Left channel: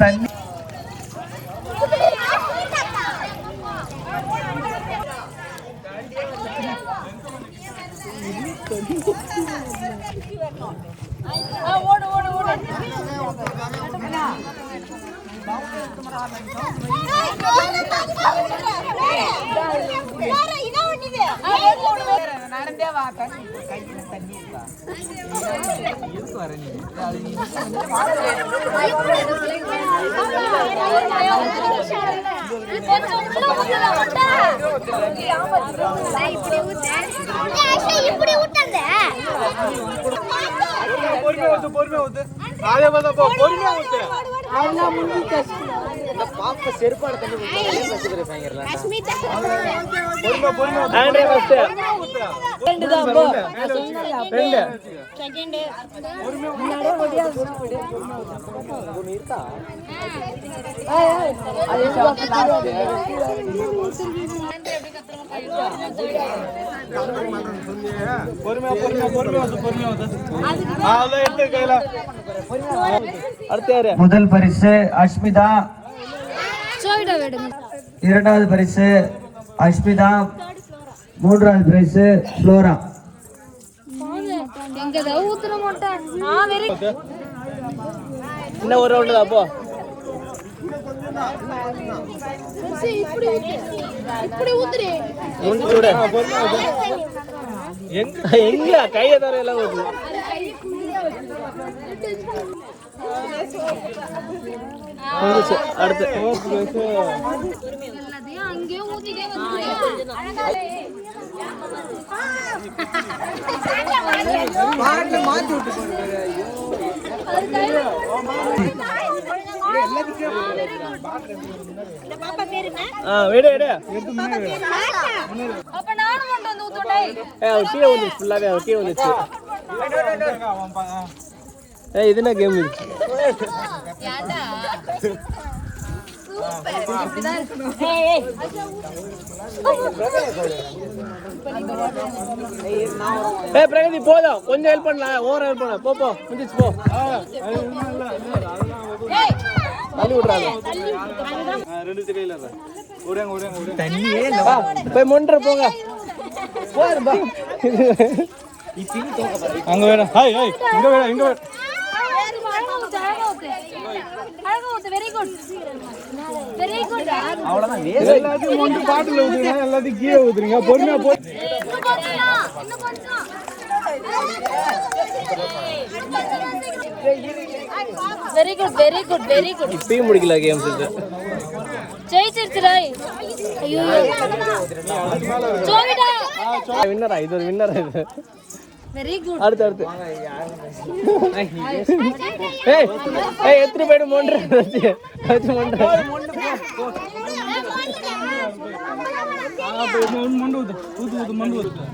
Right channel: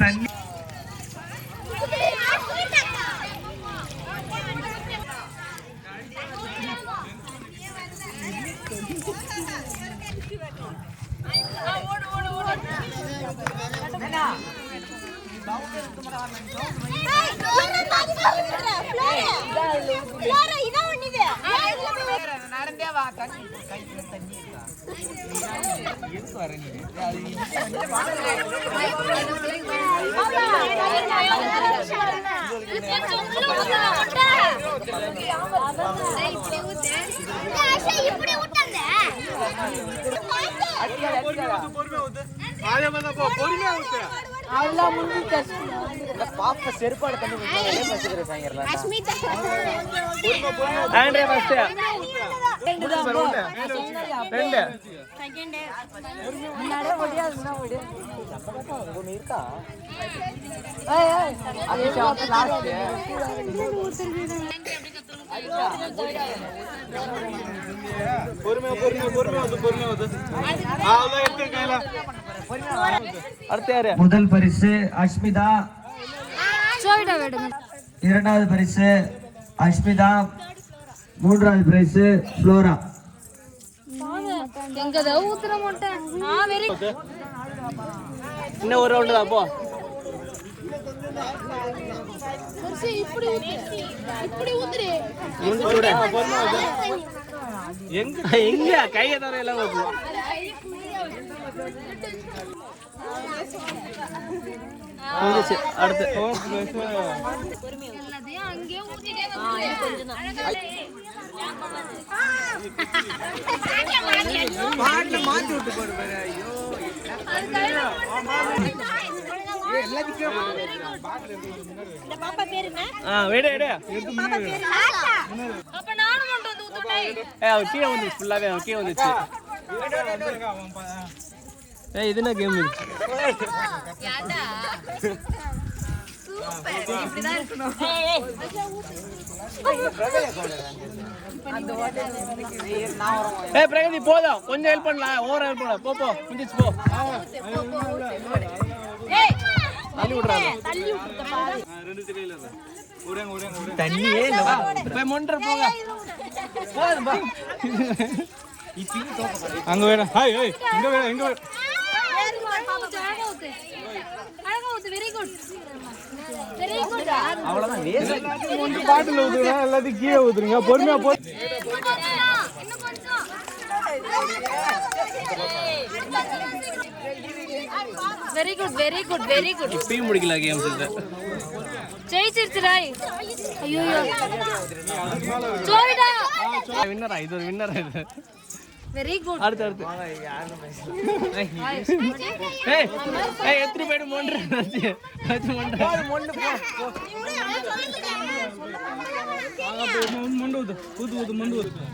தண்ணி செருப்பாடு முதல் பரிசு அஷ்மிதா, இரண்டாவது பரிசு அஷ்மிதா, மூன்றாவது பரிசு ஃப்ளோரா. இன்னும் ஒரு ரவுண்டு தான் போ. எங்க கையை தர எல்லாம் அடுத்து மாற்றி விட்டு இது என்ன கேம் இருந்துச்சு? பிரகதி போதும், கொஞ்சம் ஹெல்ப் பண்ணலாம், ஓவர் ஹெல்ப் பண்ணலாம். போ முடிச்சு போ. தள்ளி விடுறாங்க. தண்ணியே இல்லவா? போய் மொன்ற போங்க. அங்க வேணும். இங்க வேணும், இங்க வேணும். அவ்வளவுதான். எல்லாத்தையும் பாட்டில் ஊத்துறீங்க, எல்லாத்தையும் கீழே ஊத்துறீங்க. பொறுமையா போ. Very good very good very good. இப்பயும் முடிக்கல கேம்ஸ் இது. ஜெயிச்சிருச்சுடா. ஐயோ ஜோவிடா வின்னரா? இது ஒரு வின்னர் இது. Very good. அடுத்து ஏய் எத்தனை பேடு மொண்ட அது மொண்ட மொண்டு ஊத்து ஊத்து மொண்டு ஊத்து.